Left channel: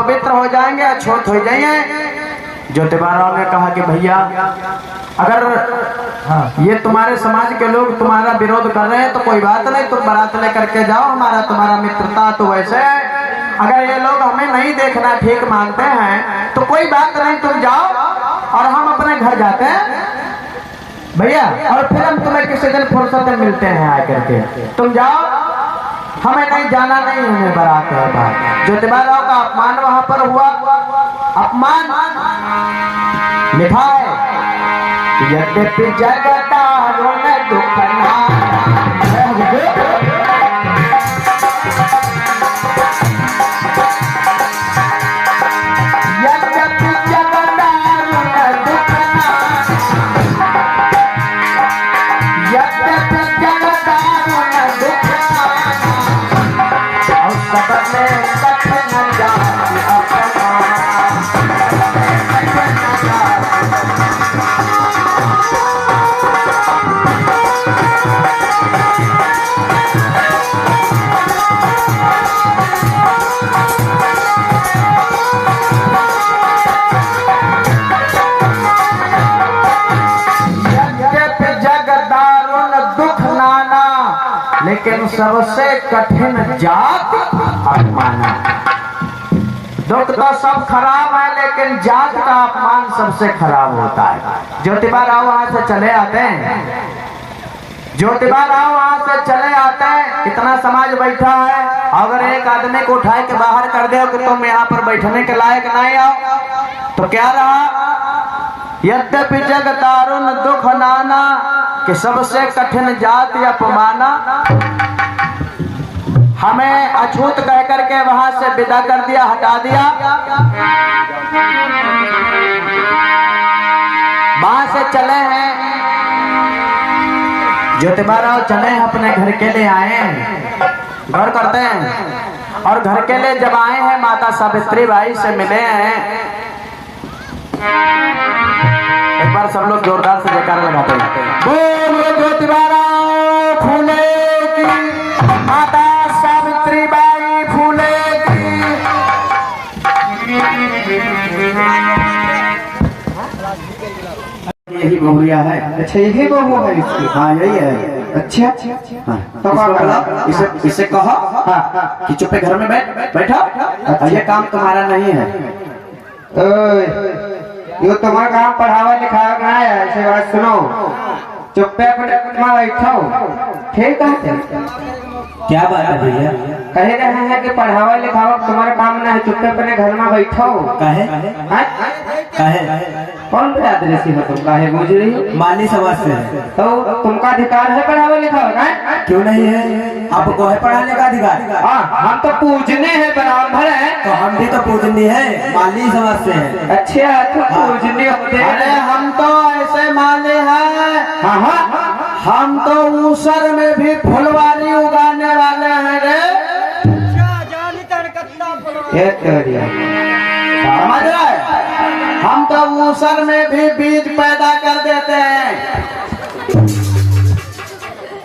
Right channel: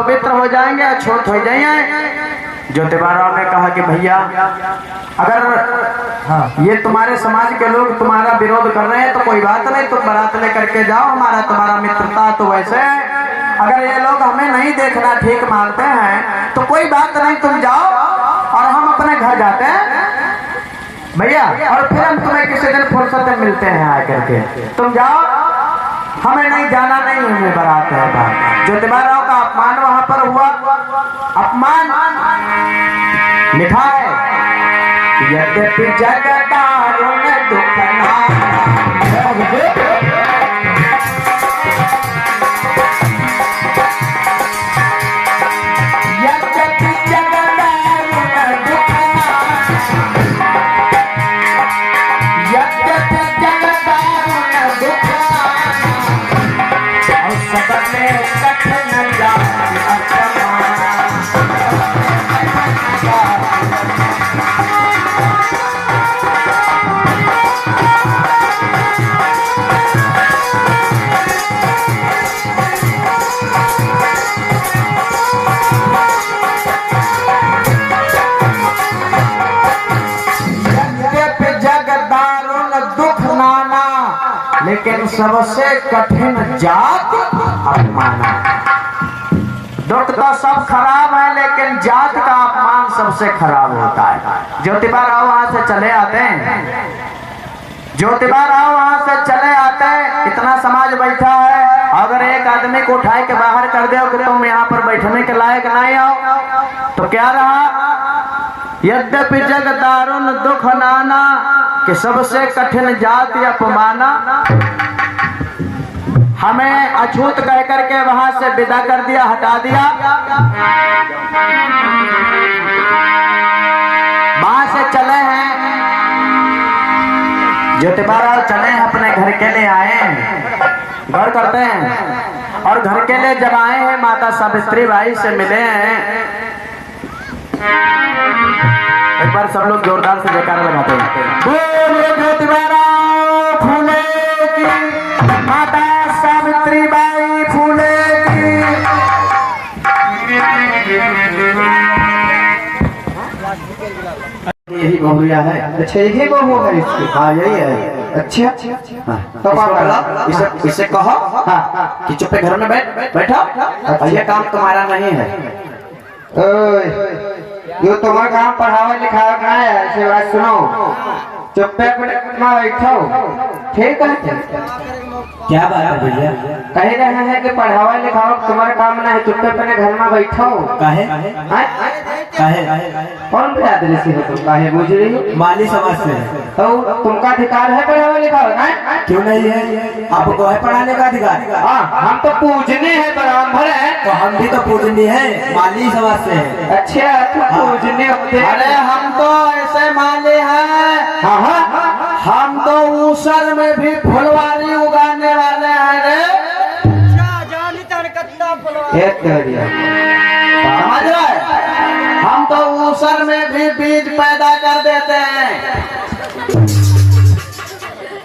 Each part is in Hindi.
अपवित्र हो जाएंगे, अछूत हो जाएंगे। ज्योतिबा राव ने कहा कि भैया अगर ये तुम्हारे समाज के लोग तुम्हारा विरोध कर रहे हैं तो कोई बात नहीं, तुम बारात लेकर के जाओ, हमारा तुम्हारा मित्रता तो वैसे अगर ये लोग हमें नहीं देखना ठीक मानते हैं तो कोई बात नहीं, तुम जाओ और हम अपने घर जाते हैं भैया, और फिर हम तुम्हें किसी दिन फुर्सत में मिलते हैं आकर के, तुम जाओ, हमें नहीं जाना, नहीं हमें बारात है बात। ज्योतिबा राव का अपमान वहां पर हुआ। अपमान लिखा है यद्यपि जगदारुण दुख लेकिन सबसे कठिन जात अपमाना। दुख तो सब खराब है लेकिन जात का अपमान सबसे खराब होता है। ज्योतिबा राव वहां से चले आते हैं, ज्योतिबा राव वहां से चले आते हैं, इतना समाज बैठा है, अगर एक आदमी को उठाए के बाहर कर दो कि तुम यहाँ पर बैठने के लायक नहीं आओ तो क्या रहा? यद्यपि जग दारुण दुख नाना कि सबसे कठिन जात अपमाना। हमें अछूत कह करके वहां से विदा कर दिया, हटा दिया। वहां से चले हैं, ज्योतिबा राव चले हैं अपने घर के लिए आए हैं, घर करते हैं और घर के लिए जब आए हैं माता सावित्री बाई से मिले हैं। एक बार सब लोग जोरदार से जयकारा लगाते हैं। बोलिए ज्योतिबा राव फूले की, माता सावित्री बाई फूले की। यही बहुरिया है। अच्छा यही बहू है इसकी? हाँ यही है। अच्छा तो इसे कहो कि चुप्पे घर में बैठो, ये काम तुम्हारा नहीं है। यो तुम्हारा काम पढ़ावा लिखावा का है, ऐसे बात सुनो, चुप्पे अपने बैठो, ठीक है? क्या बात है भैया? कह रहे हैं कि पढ़ावा लिखावा तुम्हारा काम ना है, चुप्पे अपने घर में बैठो। काहे? कौन पे आदमी हो तुम? काहे मुझे रही हो? माली समाज से तो तुमका अधिकार है पढ़ावा लिखावा? क्यों नहीं है? आपको है पढ़ाने का अधिकार? हाँ, हम तो पूजने हैं, ब्राह्मण है तो हम भी तो पूजनी है, माली समाज से है। अच्छा तो पूजने होते? अरे हम तो ऐसे माली है, हम तो ऊसर में भी फुलवारी उगाने वाले हैं रे। समझ रहे? हम तो ऊसर में भी बीज पैदा कर देते हैं।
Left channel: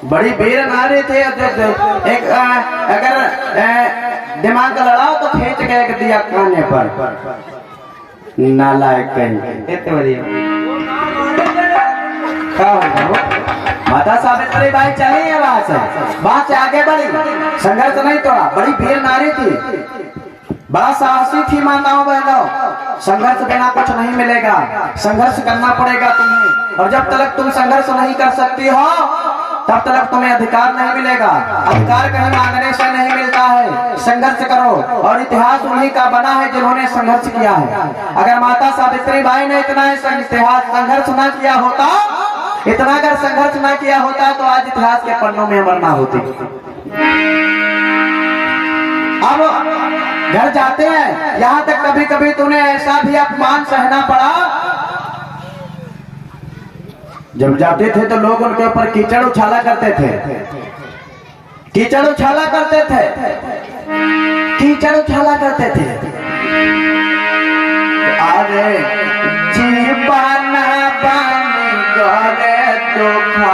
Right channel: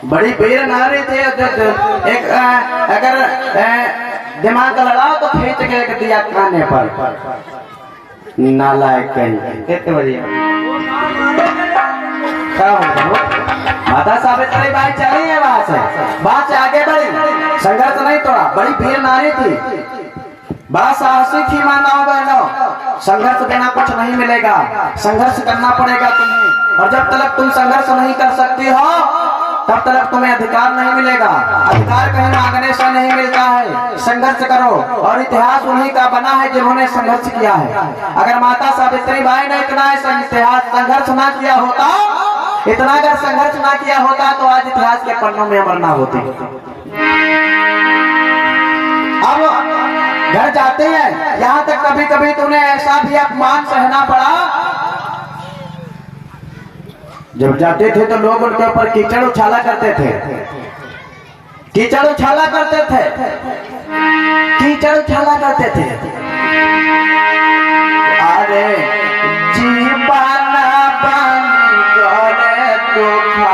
बड़ी भीड़ नारी थी, एक अगर दिमाग लड़ाओ तो खींच के एक दिया खाने पर, नालायक कितने बजे माता सावित्री बाई चली है वहां से आगे बढ़ी, संघर्ष नहीं तोड़ा। बड़ी भीड़ नारी थी, बड़ा साहसी थी माताओं बहनों। संघर्ष बिना कुछ नहीं मिलेगा, संघर्ष करना पड़ेगा तुम्हें, और जब तक तुम संघर्ष नहीं कर सकती हो तब तक तुम्हें अधिकार नहीं मिलेगा। अधिकार कहीं मांगने से नहीं मिलता है, संघर्ष करो। और इतिहास उन्हीं का बना है जिन्होंने संघर्ष किया है। अगर माता सावित्री बाई ने इतना इतिहास संघर्ष ना किया होता, इतना अगर संघर्ष ना किया होता तो आज इतिहास के पन्नों में अमर ना होती। अब घर जाते हैं, यहाँ तक कभी कभी तुम्हें ऐसा भी अपमान सहना पड़ा। जब जाते थे तो लोग उनके ऊपर कीचड़ उछाला करते थे, कीचड़ उछाला करते थे, कीचड़ उछाला करते थे। अरे जीवाना पानी करे तो खा,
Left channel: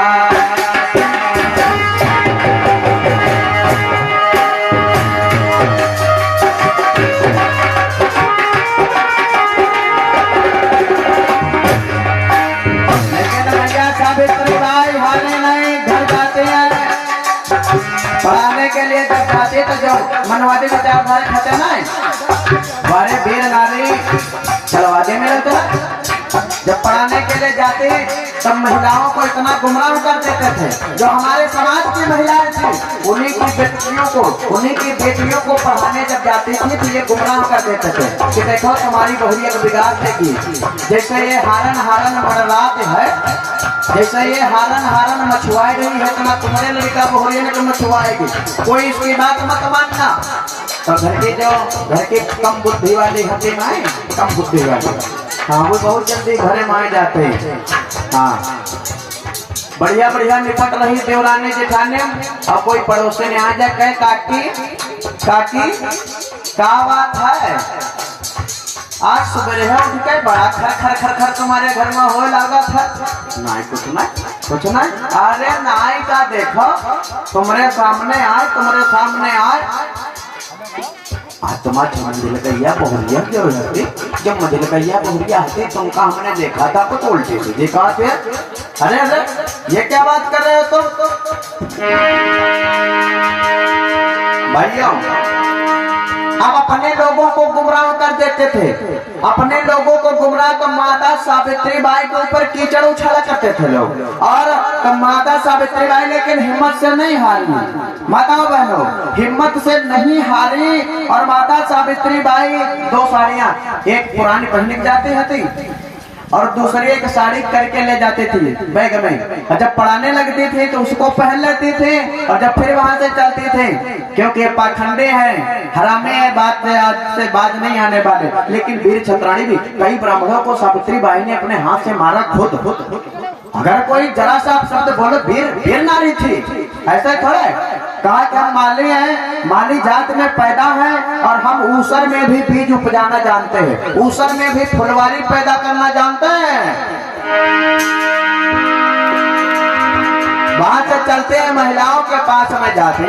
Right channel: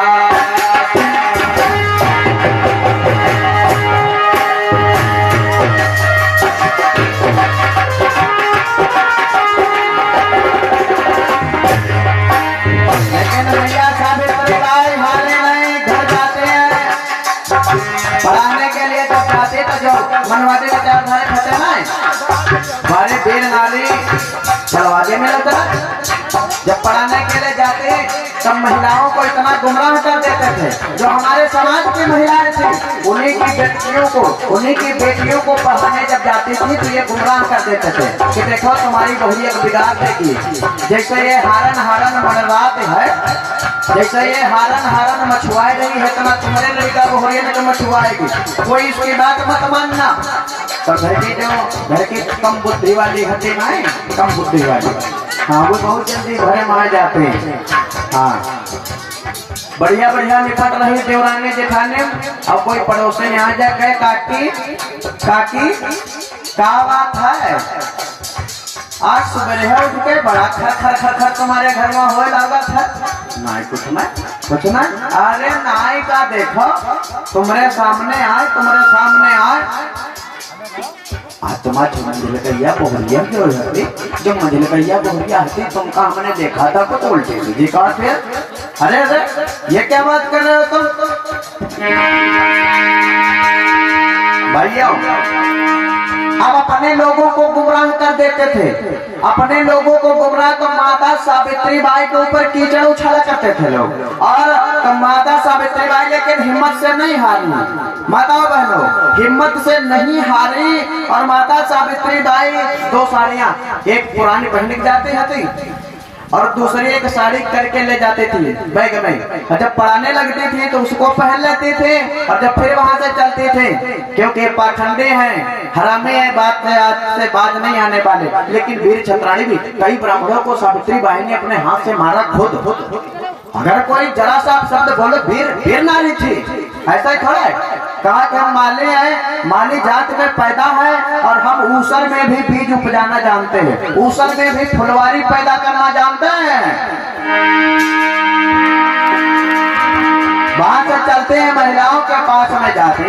सावित्री बाई हारे नहीं, घर जाते हैं पढ़ाने के लिए। जब जाते तो जो मनवादी का चार सारे खते ना हमारे वीर नारी चलवादे में लगता है। जब पढ़ाने के लिए जाते तब महिलाओं को इतना गुमराह कर देते थे। जो हमारे समाज की महिलाएं थी उन्हीं की बेटियों को पढ़ाने जब जाती थी तो ये गुमराह कर देते थे कि देखो तुम्हारी बहुरिया बिगाड़ देगी। जैसे ये हारन हारन मररात है, जैसे ये हारन हारन मछुआई रही है तो तुम्हारे लड़का बहुरिया ने मछुआएगी। कोई इसकी बात मत मानना। तो घर की कम बुद्धि वाली होती ना, कम बुद्धि वाली, हाँ वो बहुत जल्दी घरे में आ जाते हैं। हाँ बढ़िया बढ़िया निपट रही देवरानी जेठानी, और कोई पड़ोसे में आ जाए कहे काकी काकी क्या बात है, आज सुबह उठ के बड़ा खर खर खर खर तुम्हारे घर में हो लागत है। नहीं कुछ नहीं। अरे नाई का देखो तुम्हारे सामने आए तुम्हारी मंजिल कहिया बहुरिया क्यों होती, जब मंजिल कहिया बहुरिया आती तुमका हमने देखा था कुछ उल्टी थी देखा फिर। अरे ये क्या बात कर रहे हो तुम भैया। अब अपने लोगों को गुमराह कर देते थे, अपने लोगों को गुमराह तो माता सावित्री बाई के ऊपर कीचड़ उछाला करते थे लोग। और माता सावित्री बाई लेकिन हिम्मत से नहीं हारी, माता बहनों हिम्मत से नहीं हारी। और माता सावित्री बाई दो साड़ियां, एक पुरानी पहनने जाती थी और दूसरी एक साड़ी करके ले जाते थे बैग में। और जब पढ़ाने लगती थी तो उसको पहन लेती थी और जब फिर वहां से चलती थे, क्योंकि पाखंडे हैं, हरामी है, बात से बाज नहीं आने वाले। लेकिन वीर छत्राणी भी कई ब्राह्मणों को सावित्री बाई ने अपने हाथ से मारा खुद। अगर कोई जरा सा शब्द बोले वीर नारी थी, ऐसा ही थोड़ा है। कहा कि हम माली हैं, माली जात में पैदा है और हम ऊसर में भी बीज उपजाना जानते हैं, ऊसर में भी फुलवारी पैदा करना जानते हैं। वहां से चलते हैं महिलाओं के पास में जाते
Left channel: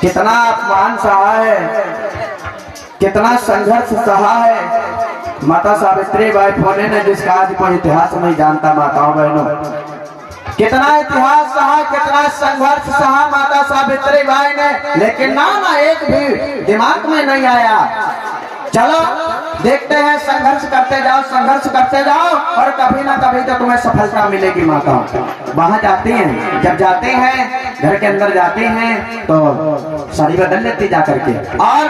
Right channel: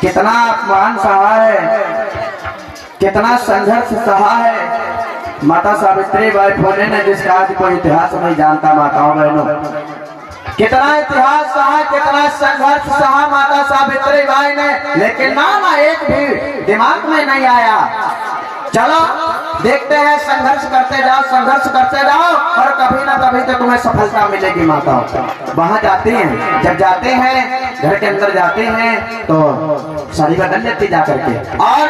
कितना अपमान सहा है, कितना संघर्ष सहा है माता सावित्री बाई फुले ने, जिसका आज कोई इतिहास नहीं जानता। माताओं बहनों कितना इतिहास सहा, कितना संघर्ष सहा माता सावित्री बाई ने, लेकिन ना एक भी दिमाग में नहीं आया। चलो देखते हैं, संघर्ष करते जाओ और कभी ना कभी तो तुम्हें सफलता मिलेगी। माताओं वहां जाती हैं, जब जाते हैं घर के अंदर जाती हैं तो साड़ी बदल लेती जा करके। और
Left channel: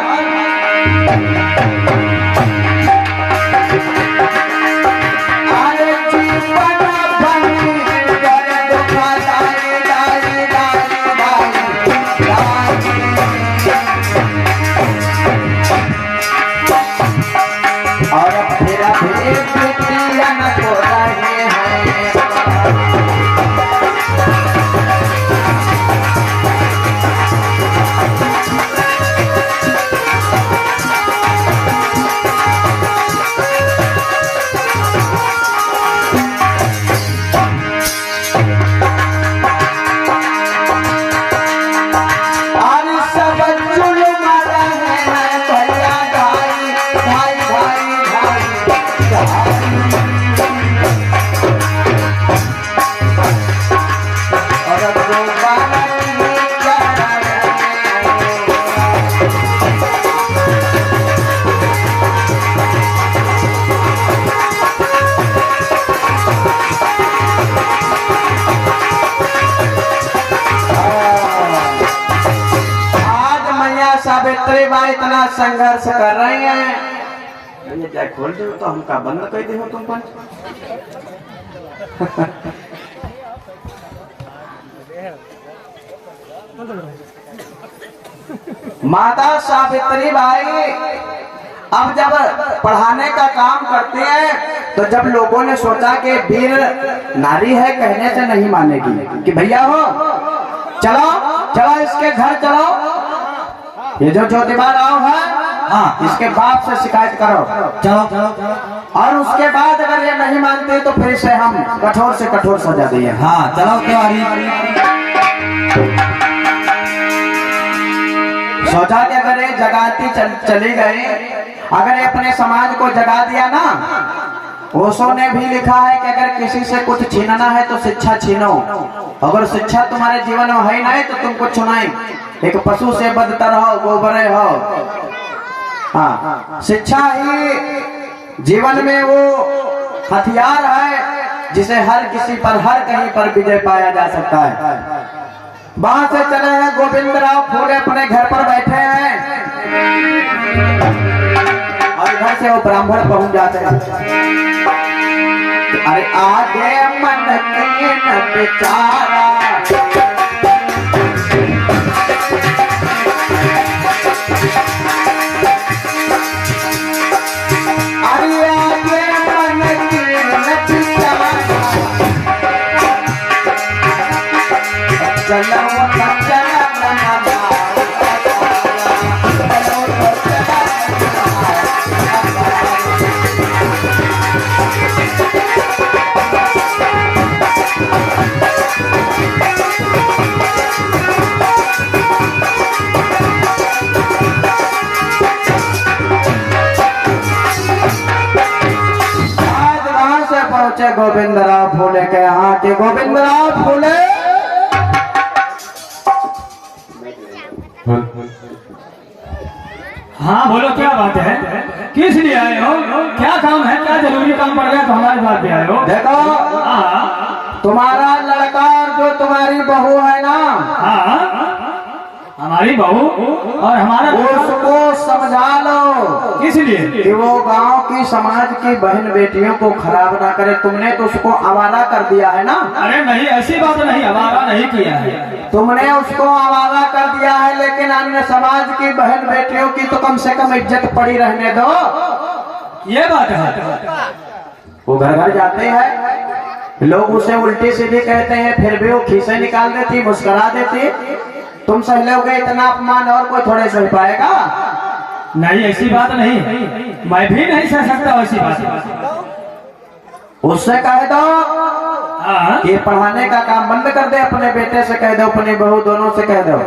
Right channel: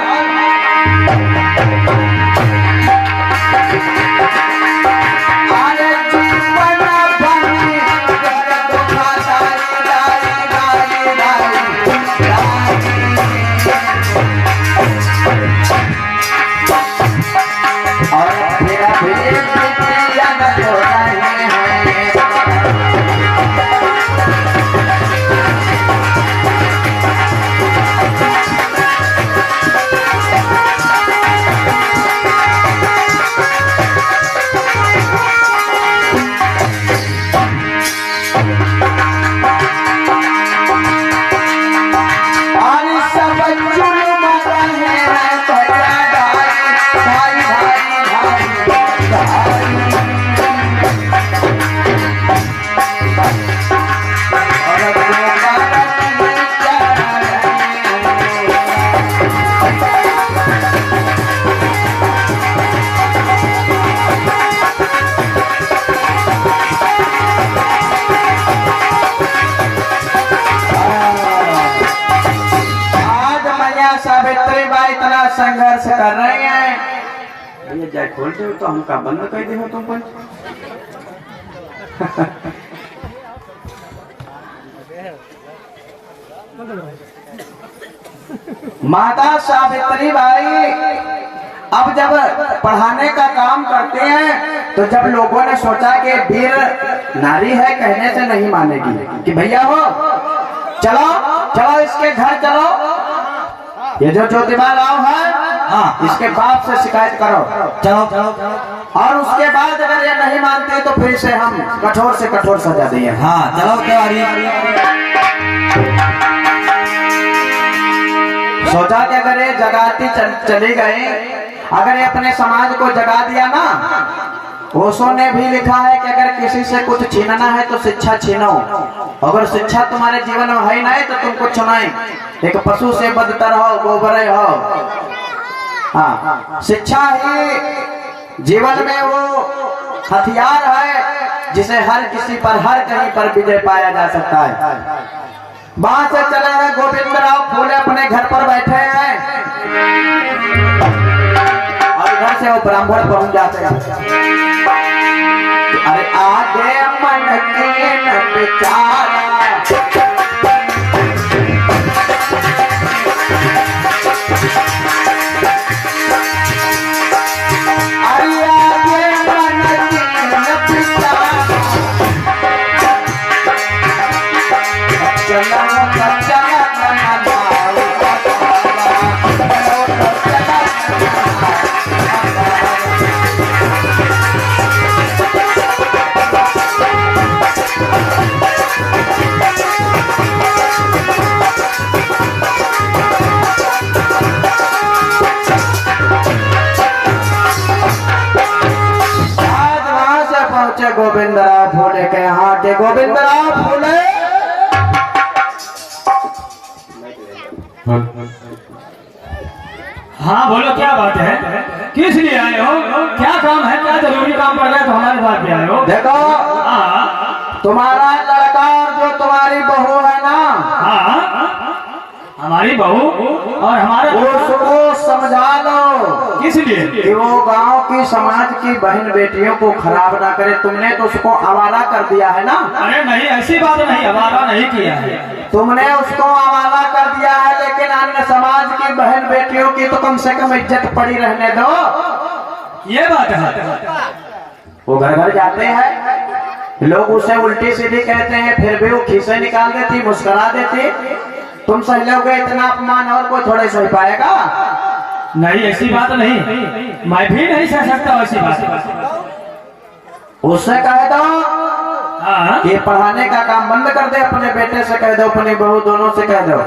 सावित्री बाई इतना संघर्ष कर रही है। ये जाए खोल दो तो हमका बंद कर दी हो तुम पर। माता सावित्री बाई अब जब पढ़ाने का काम करते हैं तो जब लोगों ने सोचा कि वीर नारी है कहने से नहीं मानेगी कि भैया हो चलो इसके घर चलो, ये जो ज्योतिबा राव है इसके बाप से शिकायत करो, चलो। और उसके बाद अगर ये नहीं मानते तो फिर से हम कठोर से कठोर सजा दिए। हाँ चलो तिवारी। सोचा कि अगर ये जगाती चले गए, अगर ये अपने समाज को जगा दिया ना ओशो ने भी लिखा है कि अगर किसी से कुछ छीनना है तो शिक्षा छीनो। अगर शिक्षा तुम्हारे जीवन में है नहीं तो तुम कुछ नहीं, एक पशु से बदतर हो, गोबरे हो। हाँ, शिक्षा ही जीवन में वो हथियार है जिसे हर किसी पर, हर कहीं पर विजय पाया जा सकता है। वहां से चले हैं गोविंदराव फूले, अपने घर पर बैठे हैं और इधर से वो ब्राह्मण पहुंच जाते हैं। अरे आगे मन के न बेचारा, गोविंदराव फूले के यहाँ के गोविंदराव फूले। हाँ बोलो, क्या बात है, किस लिए आए हो, क्या काम है, क्या जरूरी काम पड़ गया तो हमारे पास भी आए हो? देखो, हाँ, तुम्हारा लड़का जो तुम्हारी बहू है ना, हाँ, हमारी बहू और हमारा उसको समझा लो। किस लिए? कि वो गांव की, समाज की बहन बेटियों को खराब ना करे। तुमने तो उसको आवारा कर दिया है ना। अरे नहीं, ऐसी बात नहीं, आवारा नहीं किया है। तुमने उसको आवारा कर दिया है, लेकिन अन्य समाज की बहन बेटियों की तो कम से कम इज्जत पड़ी रहने दो। ये बात है। वो घर घर जाते हैं, लोग उसे उल्टी सीधी कहते हैं, फिर भी वो खीसे निकाल देती, मुस्कुरा देती। तुम सह लोगे इतना अपमान और कोई थोड़े सह पाएगा? नहीं, ऐसी बात नहीं, मैं भी नहीं सह सकता वैसी बात। उससे कह दो हाँ, कि पढ़ाने का काम बंद कर दे, अपने बेटे से कह दो, अपनी बहू, दोनों से कह दो।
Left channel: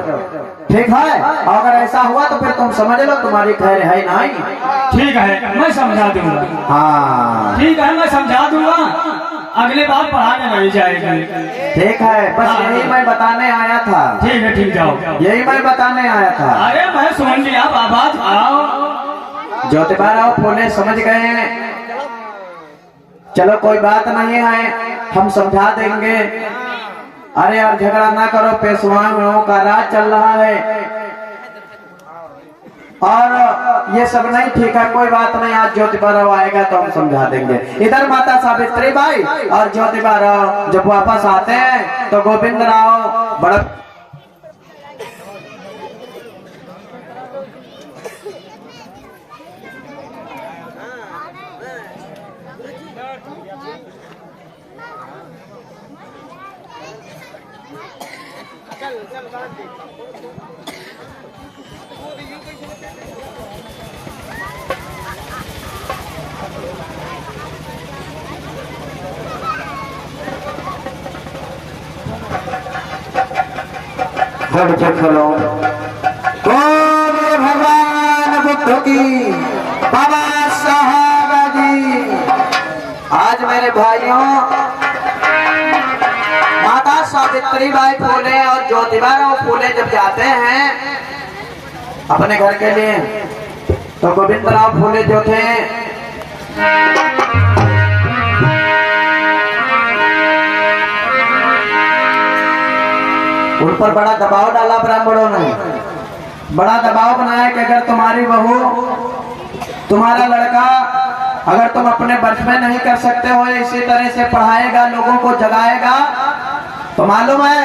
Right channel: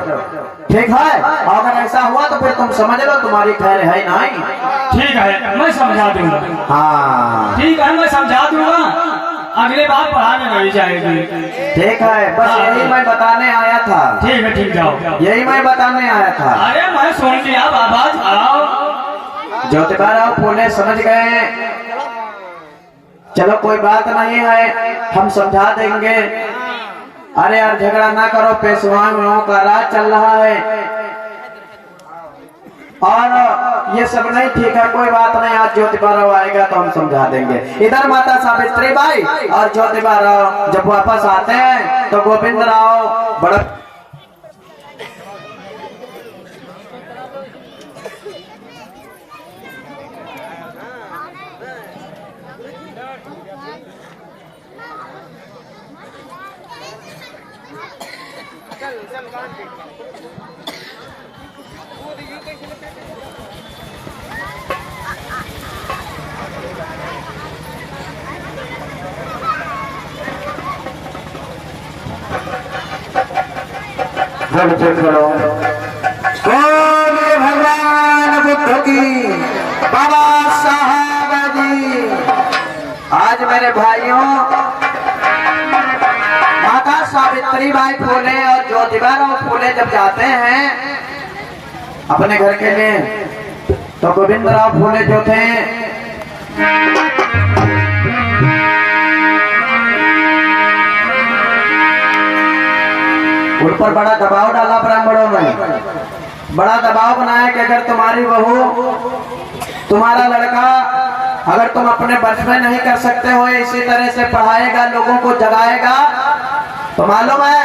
ठीक है? अगर ऐसा हुआ तो फिर तुम समझ लो तुम्हारी खैर है नहीं। ठीक है, मैं समझा दूंगा। हाँ ठीक है, मैं समझा दूंगा, अगली बात पढ़ाने नहीं जाएगी। ठीक है, बस यही मैं बताने आया था। ठीक है, ठीक, जाओ। यही मैं बताने आया था। अरे मैं सुन लिया, बाबा आओ। ज्योतिबाराव फूले समझ गए, चलो कोई बात नहीं है, हम समझा देंगे। अरे यार झगड़ा ना करो, पेशवाओं का राज चल रहा है और ये सब नहीं ठीक है, कोई बात नहीं। आज ज्योतिबाराव आएगा तो हम समझा देंगे। इधर माता सावित्री बाई और ज्योतिबाराव जब वापस आते हैं तो गोविंदराव बड़ा चलो मेरे भगवान बुद्ध की, बाबा साहब जी। आज मेरे भाइयों, माता सावित्री बाई फूले और ज्योतिबाराव फूले जब जाते हैं अपने घर के लिए, तो गोविंदराव फूले जो थे उस पर बड़ा दबाव डाला ब्राह्मणों ने, बड़ा दबाव बनाया कि अगर तुम्हारी बहू, तुम्हारा लड़का अगर तुम अपने बस में नहीं कर सकते हो, इसी तरह से पढ़ाएगा, लोगों को जगाएगा, तो मालूम है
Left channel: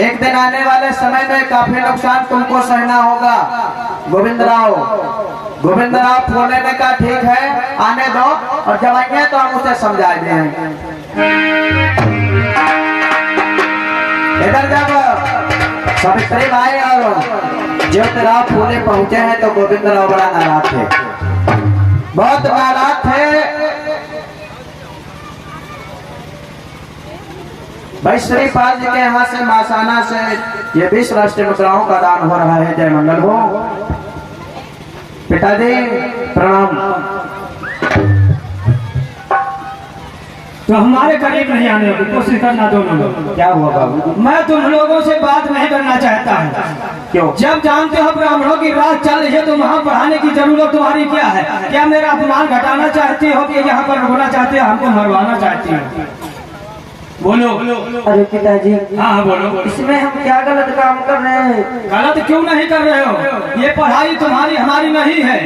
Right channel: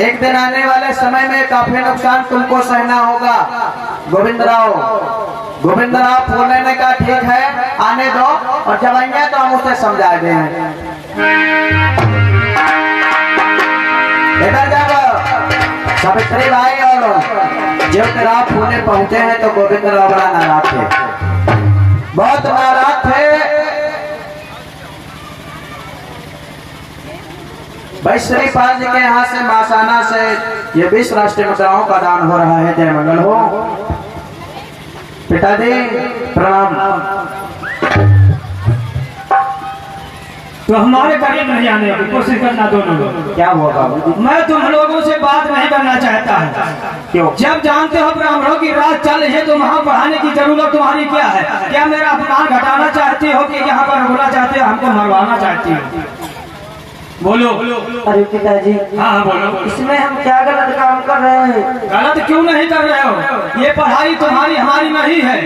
एक दिन आने वाले समय में काफी नुकसान तुमको सहना होगा। गोविंदराव फूले ने कहा ठीक है, आने दो, और जब आएंगे तो हम उसे समझा देंगे। इधर जब सावित्री बाई और ज्योतिराव फूले पहुंचे हैं तो गोविंदराव बड़ा नाराज थे, बहुत नाराज थे। भाई श्रीपाल जी के यहाँ से मासाना से ये 20 राष्ट्रीय मुद्राओं का दान हो रहा है। जय मंगल हो। पिताजी प्रणाम। तो हमारे करीब नहीं आने की कोशिश करना दोनों लोग। क्या हुआ बाबू? मैं तुम लोगों से बात नहीं करना चाहता हूँ। क्यों? जब जानते हो ब्राह्मणों की बात चल रही है तो वहाँ पढ़ाने की जरूरत तुम्हारी क्या है? क्या मेरा अपमान घटाना चाहती हो कि यहाँ पर रोकना चाहती हो, हमको मरवाना चाहती हो? बोलो। अरे पिताजी, हाँ बोलो। इसमें हम क्या गलत काम कर रहे हैं? गलत क्यों नहीं कर रहे हो? ये पढ़ाई तुम्हारी हमारी नहीं है,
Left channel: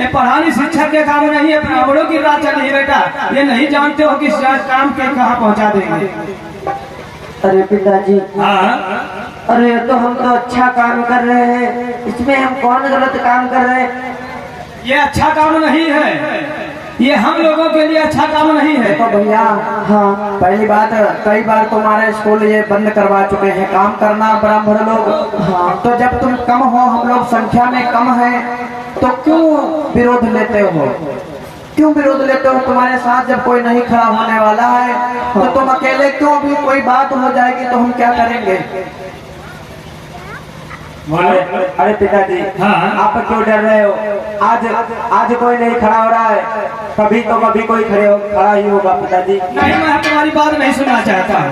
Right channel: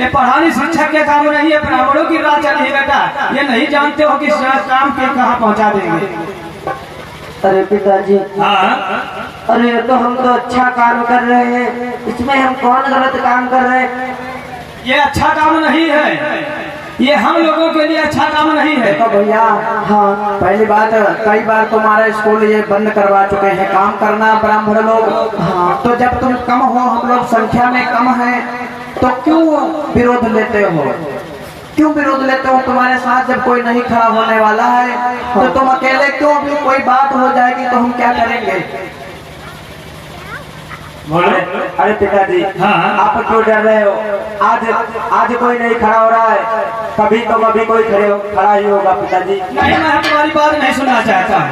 ये पढ़ानी शिक्षक के काम नहीं है। ब्राह्मणों की बात चली है बेटा, ये नहीं जानते हो कि काम के कहाँ पहुँचा देंगे। अरे पिताजी, हाँ अरे तो हम तो अच्छा काम कर रहे हैं, इसमें हम कौन गलत काम कर रहे हैं? ये अच्छा काम नहीं है, ये हम लोगों के लिए अच्छा काम नहीं है। तो भैया, हाँ, पहली बात, कई बार तुम्हारे स्कूल ये बंद करवा चुके हैं काम करना ब्राह्मण लोग। हाँ, तो जब तुम कम हो, हम लोग संख्या में कम हैं, तो क्यों विरोध लेते हो? क्यों विरोध लेते हो? तुम्हारे साथ जब कोई नहीं खड़ा होने वाला है तो तुम अकेले क्यों? भी कोई बात हो जाएगी तो हम क्या करेंगे? अरे पिताजी, हाँ। आप क्यों डर रहे हो? आज कोई नहीं खड़ा हो रहा है, कभी तो कभी कोई खड़ा ही होगा पिताजी। नहीं, मैं तुम्हारी बात नहीं सुनना चाहता हूँ।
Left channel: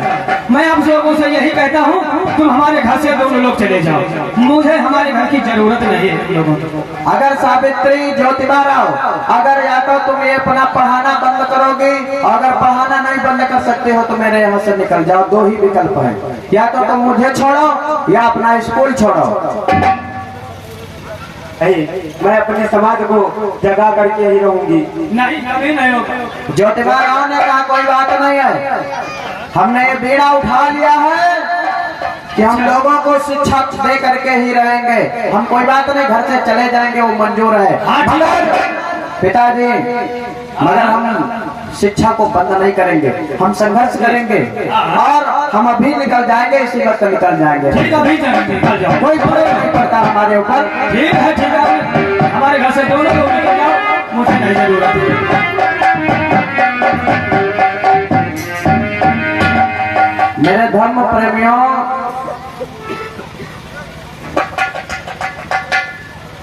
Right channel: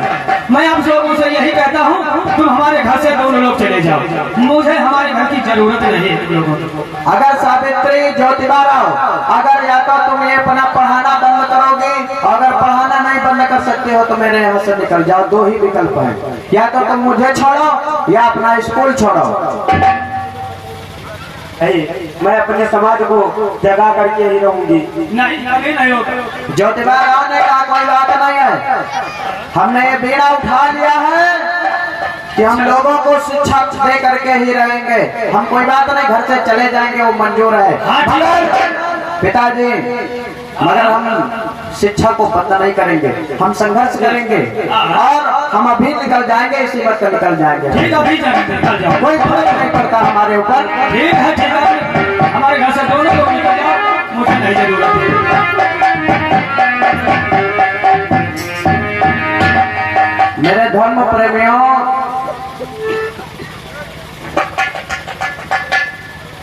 मैं आप लोगों से यही कहता हूँ, तुम हमारे घर से दोनों लोग चले जाओ, मुझे हमारे घर की जरूरत नहीं है लोगों को। अगर सावित्री, ज्योतिबा राव, अगर या तो तुम ये अपना पढ़ाना बंद करोगे, अगर पढ़ाना नहीं बंद कर सकते हो तो मेरे यहाँ से निकल जाओ। दो ही विकल्प है, या तो तुम मुझे छोड़ो या अपना स्कूल छोड़ो। नहीं, मैं अपने समाज को जगा करके ही रहूंगी। नहीं होगा। ज्योतिबा राव ने कहा कोई बात नहीं है, हमने ये बीड़ा उठा लिया है कि हम लोगों को शिक्षा दे करके ही रहेंगे। हम कोई बात नहीं, घर से चले जाएंगे, वो मंजूर है। पिताजी, मगर हम शिक्षा को बंद नहीं करेंगे, हम संघर्ष करेंगे और हम अभी निकल जाएंगे, इसी वक्त निकल जाएंगे। ठीक है, अभी निकल जाओ, कोई फर्क नहीं पड़ता हमारे ऊपर। ठीक है, हमारे घर से दोनों लोग निकल जाओ, मुझे नहीं जरूरत है। मेरे धर्म प्रेमियों,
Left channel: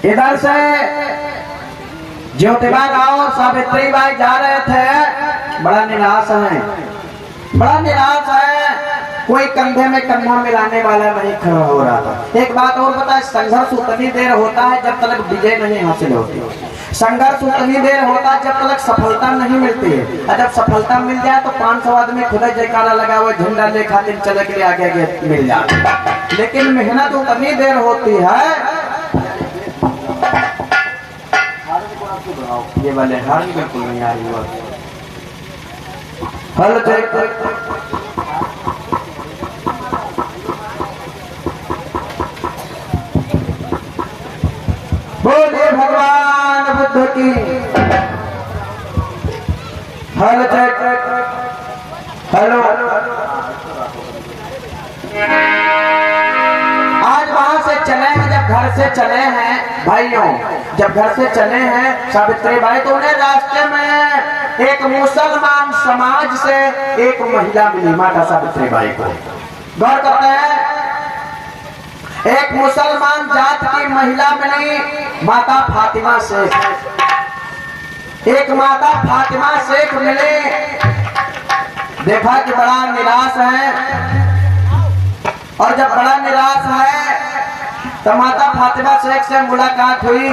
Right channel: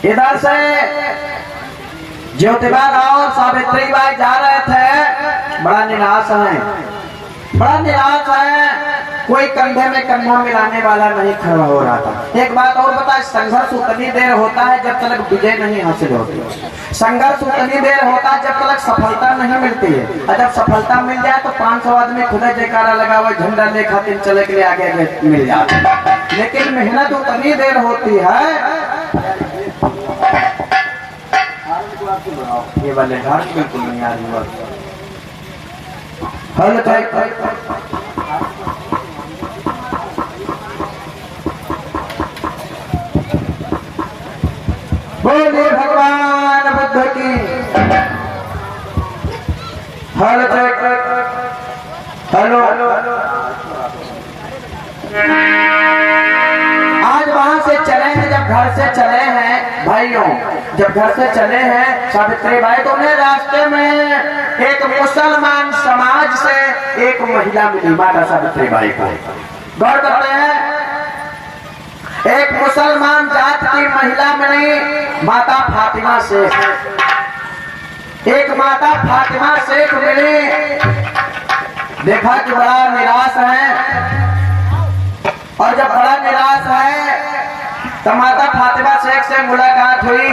इधर से ज्योतिबा राव और सावित्री बाई जा रहे थे, बड़ा निराश है, बड़ा निराश है। कोई कंधे में कंधा मिलाने वाला नहीं खड़ा हो रहा था। एक बात और बता, संघर्ष उतनी देर होता है जब तक विजय नहीं हासिल होती, संघर्ष उतनी देर होता है जब तक सफलता नहीं मिलती है। और जब सफलता मिल जाए तो 500 आदमी खुद जयकारा लगा हुआ झंडा ले खातिर चले के लिए आगे आगे मिल जाए। लेकिन मेहनत उतनी देर होती है, ये वाले हाथ बिल्कुल नहीं आ रही। हेलो चेक, बोलिए भगवान बुद्ध की। Hello check, hello. आज वहां से चले हैं, जब घर से चले हैं भाइयों, जब घर से चले हैं सावित्री बाई, तो उन्हें रास्ते में एक मुसलमान समाज से एक महिला मिली, माता सावित्री बाई को। गौर करते हैं, एक मुसलमान जात की महिला मिली, माता फातिमा शेख। एक माता फातिमा शेख मिली, देखा कि बड़ा निराश है, और जब बड़ा निराश है तो माता फातिमा शेख से मुलाकात हुई।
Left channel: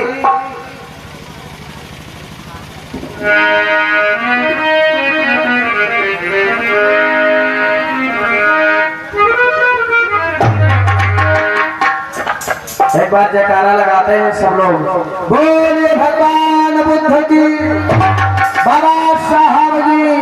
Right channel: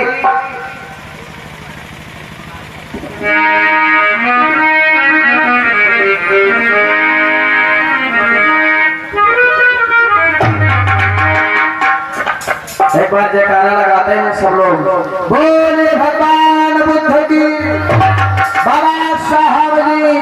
एक बार जयकारा लगाते हैं सब लोग, बोले भगवान बुद्ध की, बाबा साहब जी।